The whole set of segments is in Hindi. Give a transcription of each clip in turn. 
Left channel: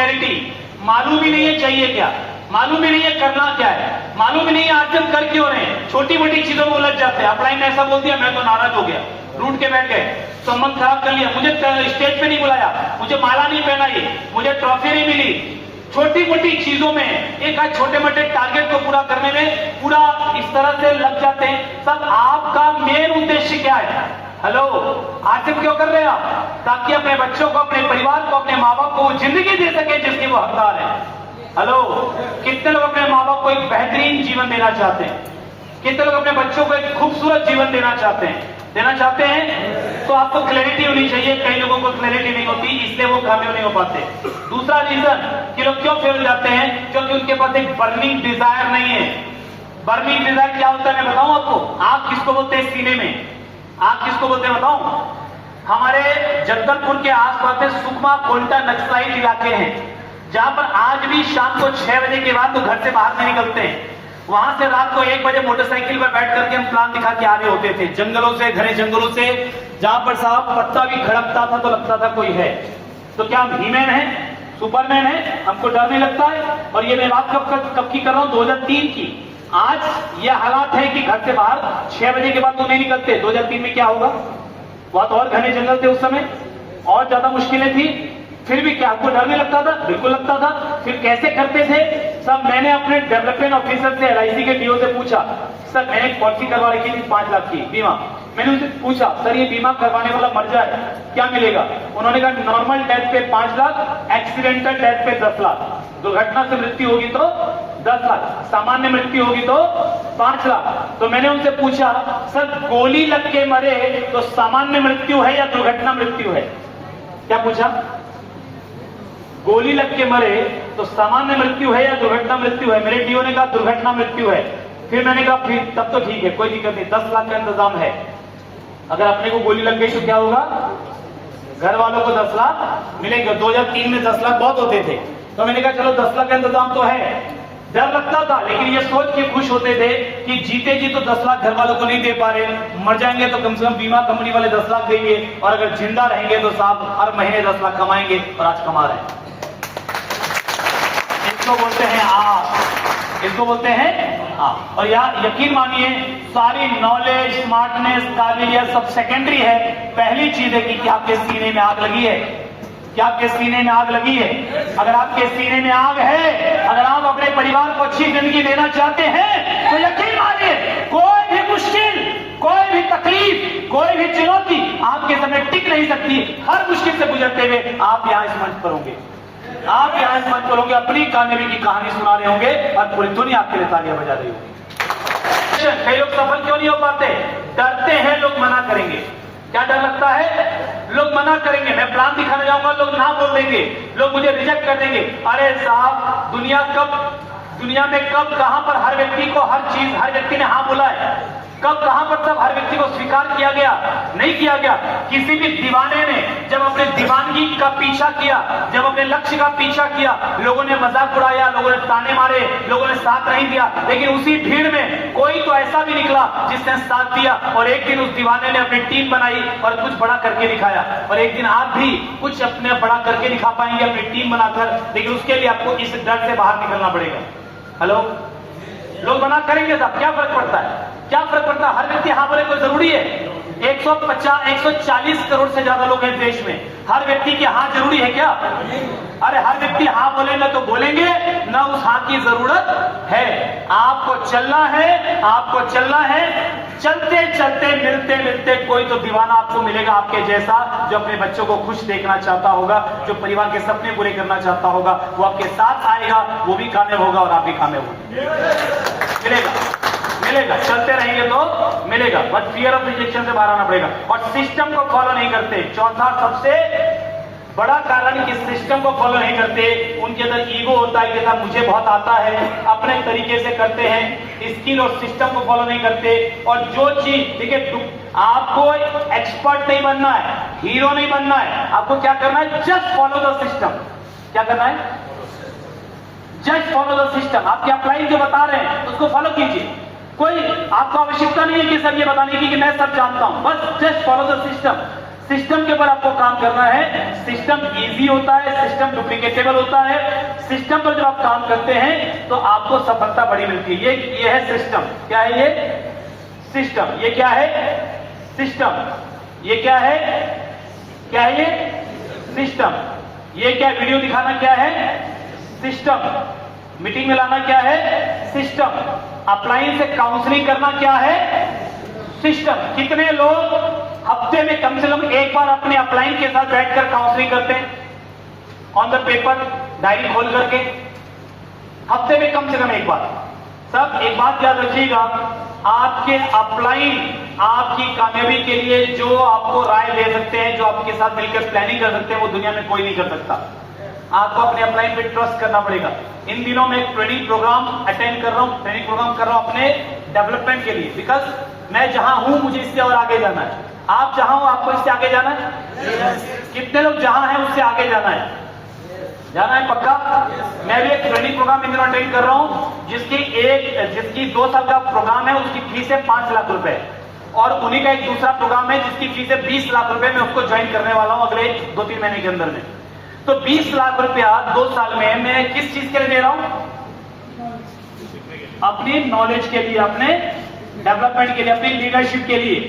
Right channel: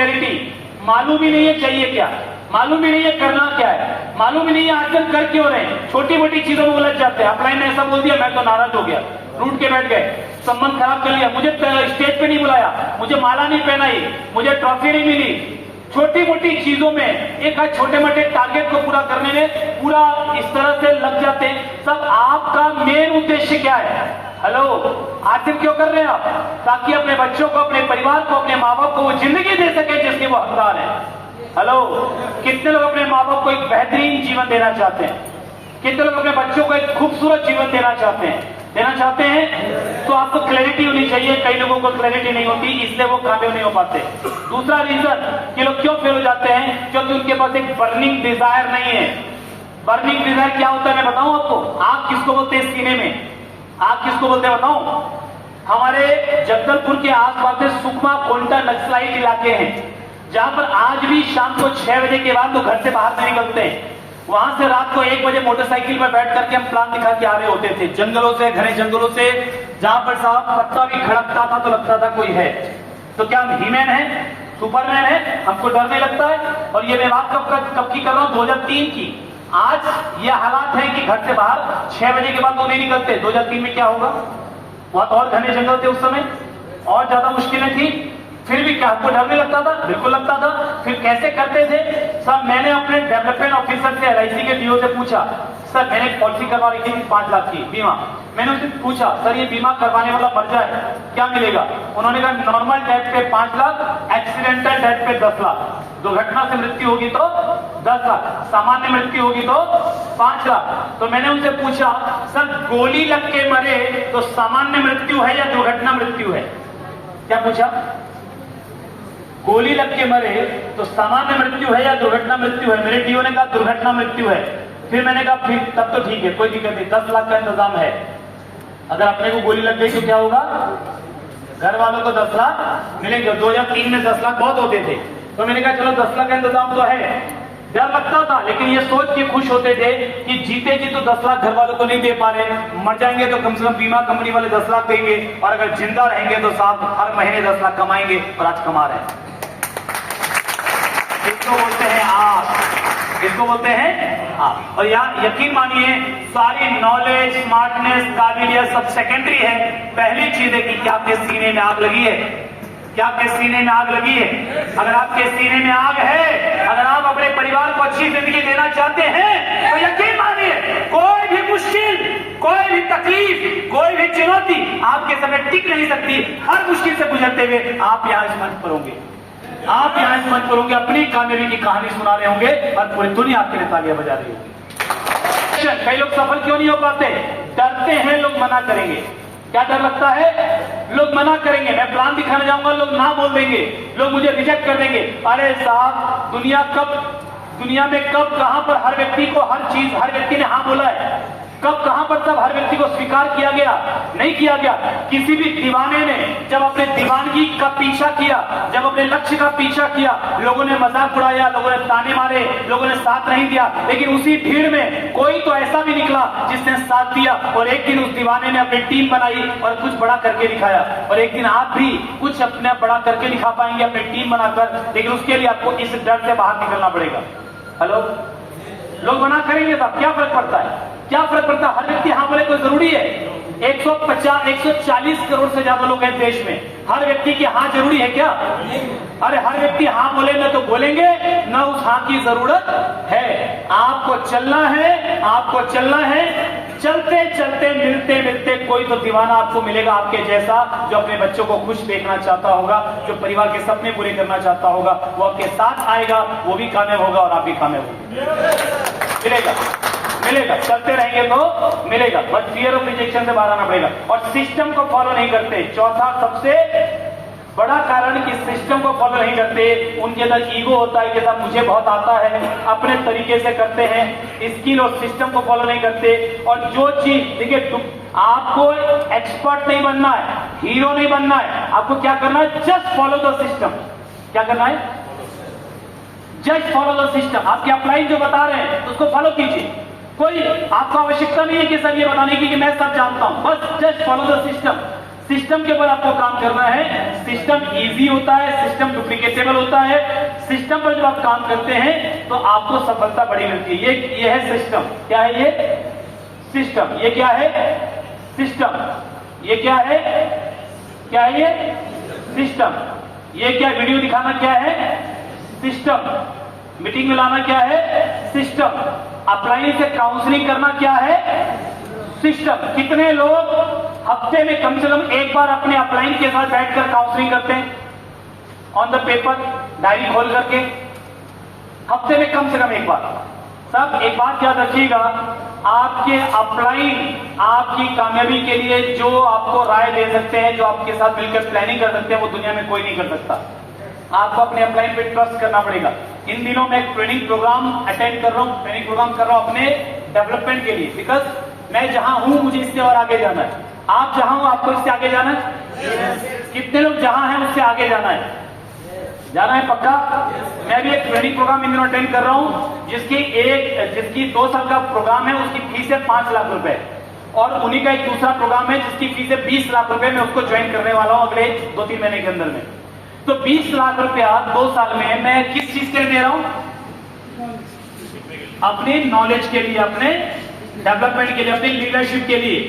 क्लैरिटी, मालूम ही नहीं है चाहिए क्या, मालूम ही नहीं है करना क्या है, मालूम ही नहीं है आज हम कर क्यों रहे हैं, छोटी मोटी चीजों में उलझ जाते हैं। अपलाइन ने ऐसा बोल दिया, मैं तो नाराज हो गया, रूठ के बैठ गए, संबंध खराब कर लिया, मुझे स्टेज पे नहीं बुलाया, मुझे माला नहीं पहनाई, मुझे ट्रॉफी नहीं मिली। छोटी मोटी चीजों में एक छोटे मोटे टारगेट को पूरा करने में पूरा इस तरह से लग जाते हैं। सब आपका मेन उद्देश्य क्या है? हेलो, आखिर क्यों कर रहे हैं आप? ताकि अपने बच्चों को, अपने परिवार को, अपने माँ बाप को वो जिंदगी दे सके जिसके वो हकदार है। हेलो, कितने लोग अपने माँ बाप को एक बेहतरीन जीवन देना चाहते हैं? कितने लोग अपने बच्चों को एक खूबसूरत जीवन देना चाहते हैं? तो आपको क्लैरिटी होनी चाहिए। कई लोगों को क्लैरिटी नहीं होती, इसलिए वो कामयाब नहीं हो पाते। दूसरा रीजन कि लोग क्यों फेल हो जाते हैं, क्योंकि उनके पास एक बर्निंग डिजायर नहीं है। बर्निंग डिजायर क्या होता है मैं बताऊं आपको? आग किसको बोलते हैं सीने में? आग किसको बोलते हैं बताऊं? हमारे जगदलपुर के आसपास में सुकमा कोंटा नक्सलाइट इलाके हैं, जहां पर आज भी शाम को 6 बजे के बाद तो घर से बाहर नहीं निकलते हैं। वहां से रात को 1 बजे मोटरसाइकिल पर बैठ करके हम प्लान दिखा के आ रहे होते थे, जंगलों से, घने जंगलों से, जहां पर साहब पत्ता भी खड़कता था तो लगता था कोई है। तो क्या हम हीमैन है, सुपरमैन है? हमको डर नहीं लगता है? और ये मैं बात कब की कर रहा हूं? 2003 की। आज ये हालात है कि घर से बाहर 6 बजे के बाद तो नहीं निकलते। 2003 में क्या होगा? वहां तो और घने जंगल थे उस समय, और ज्यादा मुश्किलें थी, फिर भी क्या आपको डर नहीं लगता था? बिल्कुल लगता था। फिर कैसे करते थे? सर मैंने अपने डेवलपमेंट ऑफिसर से, LIC के डीओ से पूछा, सर मैंने पॉलिसी करवा रखी थी 5 लाख की बीमा। मैंने उनसे पूछा, सर ये बीमा करवाने वाला मर जाए क्या मिलेगा? उन्होंने कहा नॉर्मल डेथ पे 5 लाख, एक्सीडेंटल डेथ पे 10 लाख, दुर्घटना से मृत्यु होगी तो 10 लाख, सामान्य मृत्यु होगी तो 5 लाख। तो मैंने उनसे पूछा, सर गोली लग के मरे तो सामान्य मृत्यु है या दुर्घटना मृत्यु है? क्या पूछा? गोली लग के मरे तो सामान्य मृत्यु है या दुर्घटना मृत्यु है? मेरे डीओ ने कहा दुर्घटना मृत्यु है। फिर मैंने कहा फिर तब तो ठीक है, कोई दिक्कत नहीं, 10 लाख का इंतजाम है। अगर अपने को गोली लग गई तो क्या होगा? घर वालों को 10 लाख मिलेंगे। 2003 में 10 लाख बहुत होते थे, तो मैंने कहा चलो 10 लाख का इंतजाम तो है। डर लगता था, लेकिन ये सोच के खुश होते थे कि जीते जी तो 10 लाख घर वालों को नहीं दे पा रहे, मर जाएंगे तो कम से कम बीमा कंपनी वाले 10 लाख देंगे, और अगर जिंदा रहेंगे तो साहब हर महीने 10 लाख कमाएंगे, और आज कमा रहे हैं। इसको बोलते हैं आप, इसको बोलते हैं आप। और यार यकीन मानिए, सारी नॉलेज, स्मार्टनेस, काबिलियत सब सेकेंडरी है। पहली चीज है कि क्या आपके सीने में आग लगी है? क्या आपके सीने में आग लगी है? अगर आपके सीने में आग है, अगर आप अपने परिवार को अच्छी जिंदगी देना चाहते हैं, तो यकीन मानिए कोई भी मुश्किल, कोई भी तकलीफ, कोई भी चुनौती आपके सामने टिक नहीं सकती। हर मुश्किल से गुजरते हुए आप यहाँ इस मंच पर होंगे, आप यहाँ इस मंच पर होंगे, अपनी कामयाबी की कहानी सुना रहे होंगे, और पूरी दुनिया आपके लिए तालियां बजा रही होगी। कई लोग सफल क्यों नहीं हो पाते? डरते हैं लोग मना करेंगे। क्या डर लगता है? लोग मना करेंगे, मैं प्लान दिखाने जाऊंगा, लोग ना बोल देंगे, लोग मुझे रिजेक्ट कर देंगे। अरे साहब, दुनिया में कब कहां पर हर व्यक्ति को हर चीज, हर व्यक्ति ने हाँ बोला है? कब कहां पर सब हर व्यक्ति को स्वीकार किया गया? नहीं किया गया। किसी भी दीवाने ने जब अपने दीवानगी का पीछा किया, जब अपने लक्ष्य का पीछा किया, लोगों ने मजाक उड़ाया, लोगों ने ताने मारे, लोगों ने साथ नहीं दिया, लेकिन उसी भीड़ में कोई तो ऐसा भी निकला जिसने साथ दिया, और एक दिन उस दीवाने ने अपनी टीम बनाई और कुछ बड़ा करके दिखाया। और एक दिन आप भी कुछ अपने बड़ा करके दिखा पाएंगे अपनी टीम बनाकर, लेकिन उसके लिए आपको इस डर से बाहर निकलना पड़ेगा। हेलो, लोग मना करेंगे साहब, क्या फर्क पड़ता है? क्या फर्क पड़ता है? हर व्यक्ति हाँ बोले तो जरूरी है? 140 करोड़ से ज्यादा लोग हैं देश में, हर व्यक्ति की हाँ जरूरी है क्या? अरे हर व्यक्ति हाँ बोले ना तो बोलेंगे ना, उस हाँ की जरूरत है। आपको चलना है, आपको चलना है। चलते चलते, मिलते मिलते कोई तो दीवाना आपको मिलेगा आपके जैसा, जो अपने बच्चों को खुश देखना चाहता होगा, जो परिवार के सपने पूरे करना चाहता होगा, वो आपके साथ आएगा, वो भी कामयाब होगा और आप भी कामयाब होंगे। मिलेगा, चलते रहेंगे तो मिलेगा, बट फियर ऑफ रिजेक्शन से बाहर आना पड़ेगा। और सिस्टम को फॉलो नहीं करते। चौथा सबसे बड़ा कारण कि सिस्टम को फॉलो नहीं करते, उनके अंदर ईगो होता है कि साहब मुझे बहुत आता है, अपने तरीके से करते हैं, स्किल और सिस्टम को फॉलो नहीं करते। और जो चीज, देखिए आपको एक्सपर्ट नहीं बनना है, हीरो नहीं बनना है, आपको क्या करना है? Just follow the system. क्या करना है? Just follow the system. आपके अपलाइन जो बता रहे हैं उसको फॉलो कीजिए। कोई आपको आवश्यकता नहीं है कि सर ये बताने की कि मैं सब जानता हूं, बस just follow the system. System के ऊपर आपको काम करना है। सिस्टम इजी होता है, सिस्टम डुप्लीकेटेबल होता है। सिस्टम पर जब आप काम करते हैं तो आपको सफलता बड़ी मिलती है। ये है सिस्टम। क्या है ये? सिस्टम। ये क्या है? सिस्टम। ये क्या है? क्या है ये? सिस्टम। ये क्या वीडियो दिखाना क्या है? सिस्टम। मीटिंग में लाना क्या है? सिस्टम। अप्लायंस से काउंसलिंग करना क्या है? सिस्टम। कितने लोग हफ्ते में कम से कम एक बार अपने अप्लायंस के साथ बैठकर काउंसलिंग करते हैं? ऑन द पेपर, डायरी खोल करके हफ्ते में कम से कम एक बार। सब एक बात याद रखिएगा, आपके अपलाइन आपकी कामयाबी के लिए जो आपको राय दे सकते हैं, जो आपके साथ मिलकर प्लानिंग कर सकते हैं, वो दुनिया में कोई नहीं कर सकता। आपको अपने अपलाइन पे ट्रस्ट करना पड़ेगा। इन दिनों मैं एक ट्रेनिंग प्रोग्राम अटेंड कर रहा हूं, ट्रेनिंग प्रोग्राम कर रहा हूं अपने डेवलपमेंट के लिए, बिकॉज मैं जहां हूं मुझे इससे और आगे जाना है। आप जहां हो आपको इससे आगे जाना है। कितने लोग जहां हैं उससे आगे जाना है? जाना है पक्का? मैं भी एक ट्रेनिंग प्रोग्राम इन दिनों अटेंड कर रहा हूं, जिसकी 2 साल का प्रोग्राम है, उसकी फीस है 5 लाख रुपए, और उन्हीं का एक दूसरा प्रोग्राम है जिसकी फीस है 20 लाख रुपए। मैं उसको ज्वाइन करने वाला हूं अगले 2-3 महीने के अंदर में। तो 20 लाख रुपया 2 साल में मैं किस चीज के लिए दे रहा हूं? अपनी नॉलेज के लिए, अपने डेवलपमेंट के लिए, अपनी लीडरशिप के लिए।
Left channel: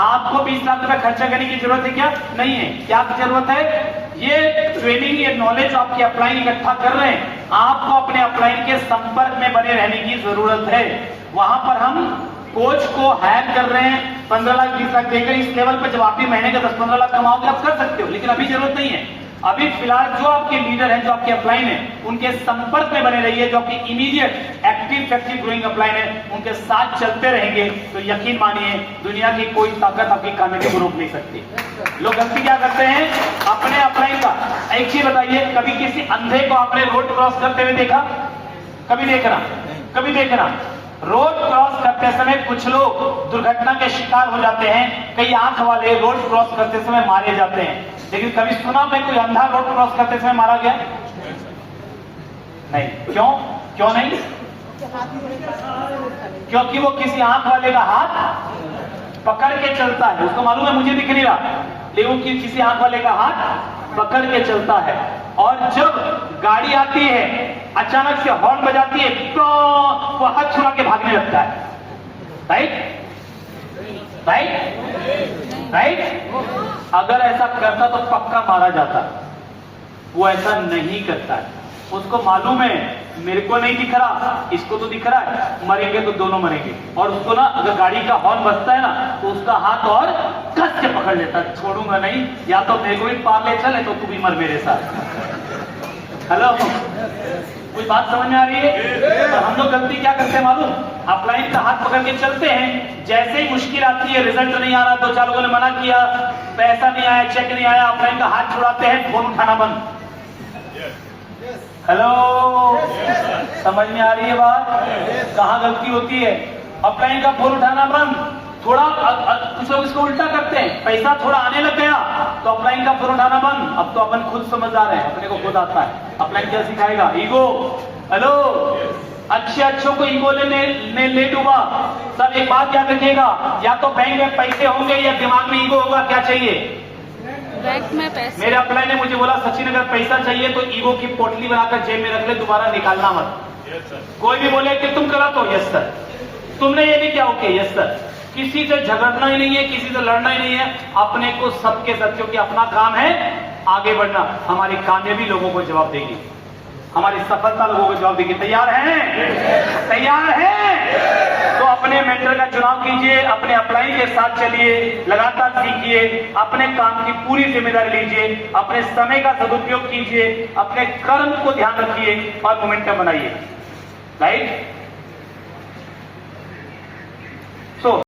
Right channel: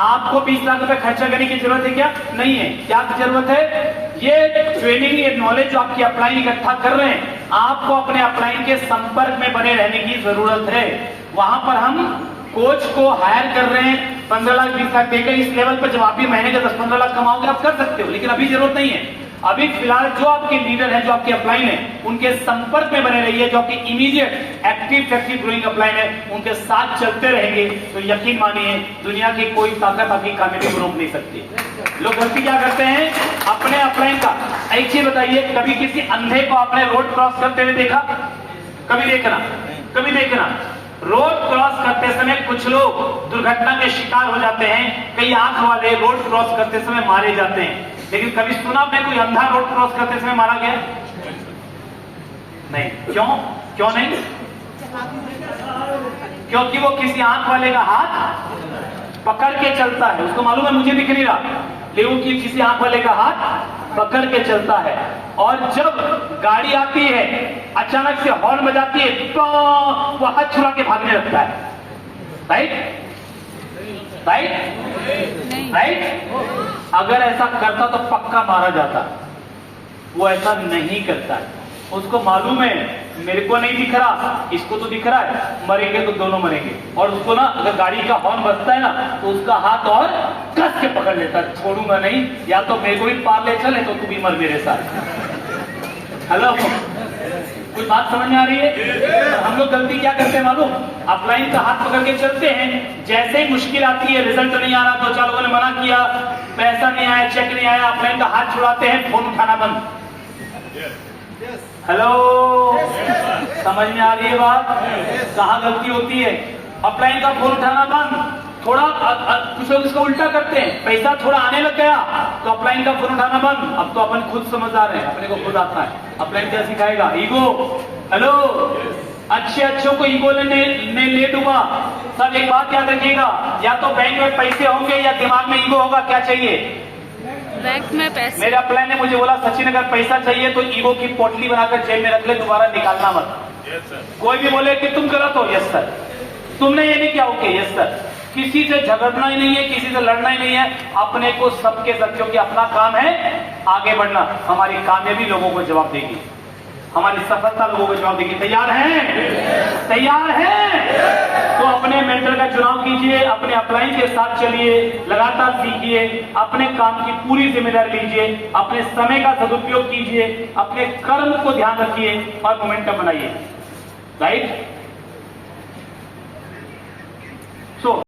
आपको 20 लाख रुपए खर्चा करने की जरूरत है क्या? नहीं है। क्या जरूरत है? ये ट्रेनिंग, ये नॉलेज जो आपकी अपलाइन इकट्ठा कर रहे हैं, आपको अपने अपलाइन के संपर्क में बने रहने की जरूरत है। वहां पर हम कोच को हायर कर रहे हैं 15 लाख 20 लाख देकर। इस लेवल पर जब आप भी महीने का 10-15 लाख कमाओगे आप कर सकते हो, लेकिन अभी जरूरत नहीं है। अभी फिलहाल जो आपके लीडर हैं, जो आपके अपलाइन है, उनके संपर्क में बने रहिए। जो आपकी immediate active factory growing upline है, उनके साथ चलते रहेंगे तो यकीन मानिए दुनिया की कोई ताकत आपकी कामयाबी को रोक नहीं सकती। लोग गलती क्या करते हैं? अपने अपलाइन का एक चीज बताइए, कभी किसी अंधे को आपने रोड क्रॉस करते हुए देखा? कभी देखना रोड क्रॉस करते समय कुछ लोग दुर्घटना के शिकार हो जाते हैं, कई आंख वाले रोड क्रॉस करते समय मारे जाते हैं। लेकिन कभी सुना मैं कोई अंधा रोड क्रॉस करते समय मारा गया? नहीं। क्यों नहीं? क्योंकि वो किसी आंख वाले का हाथ पकड़ के चलता है। उसको मालूम है मुझे दिख नहीं रहा, लेकिन वो किसी आंख वाले का हाथ पकड़ के चलता है। और जब गाड़ी आती है, अचानक से हॉर्न बजाती है, तो वो हाथ छुड़ा के भागने लगता है। राइट? अगर ऐसा करता तो पक्का मारा जाता। वो ऐसा नहीं करता है। उसको मालूम है मेरे को नहीं दिख रहा, इसको तो दिख रहा है, मरेंगे तो दोनों मरेंगे। और उसको ना, अगर गाड़ी का हॉर्न बजता है ना, तो उसका हाथ और कस के पकड़ लेता है, छोड़ूंगा नहीं, या तो मेरे को भी पार ले चले तो तू भी मर मेरे साथ। हेलो, कोई बात समझ में आ रही है? तो हम लोग गलती क्या करते हैं मालूम? अपलाइन का हाथ पकड़ के चलते हैं, जैसे ही मुश्किल आती है, रिजल्ट नहीं आ रहा, 2-4 लोगों ने मना किया, पैसा नहीं आया, चेक नहीं आया, अपलाइन का हाथ छुड़ाते हैं, फोन उठाना बंद। हेलो, समझ में आ रही है बात? कहां गलती होती है? अपलाइन का फोन उठाना बंद। थोड़ा कुछ लोग इसको उल्टा करते हैं, पैसा थोड़ा आने लग गया तो अपलाइन का फोन उठाना बंद। अब तो अपन खुद समझदार है, अपने को खुद आता है। अपलाइन क्या सिखाएगा? ईगो। हेलो, अच्छों को ईगो ने ले डूबा। सर एक बात याद रखिएगा, या तो बैंक में पैसे होंगे या दिमाग में ईगो होगा। क्या चाहिए? बैंक में पैसे। मेरे अपलाइन ने मुझे बोला सचिन अगर पैसा चाहिए तो ईगो की पोटली बनाकर जेब में रख ले, दोबारा निकालना मत। Yes sir. कोई भी बोले कि तुम गलत हो, यस सर। तुमने ये नहीं किया, ओके यस सर। किसी से झगड़ना ही नहीं है, किसी से लड़ना ही नहीं है, अपने को सबके साथ, क्योंकि अपना काम है आगे बढ़ना। हमारी कामयाबी लोगों को जवाब देगी, हमारी सफलता लोगों को जवाब देगी। तैयार हैं? तैयार हैं? तो अपने मेंटर का चुनाव कीजिए, अपने अपलाइन के साथ चलिए, लगातार सीखिए, अपने काम की पूरी जिम्मेदारी लीजिए, अपने समय का सदुपयोग कीजिए, अपने कर्म को ध्यान रखिए और मोमेंटम बनाइए। राइट?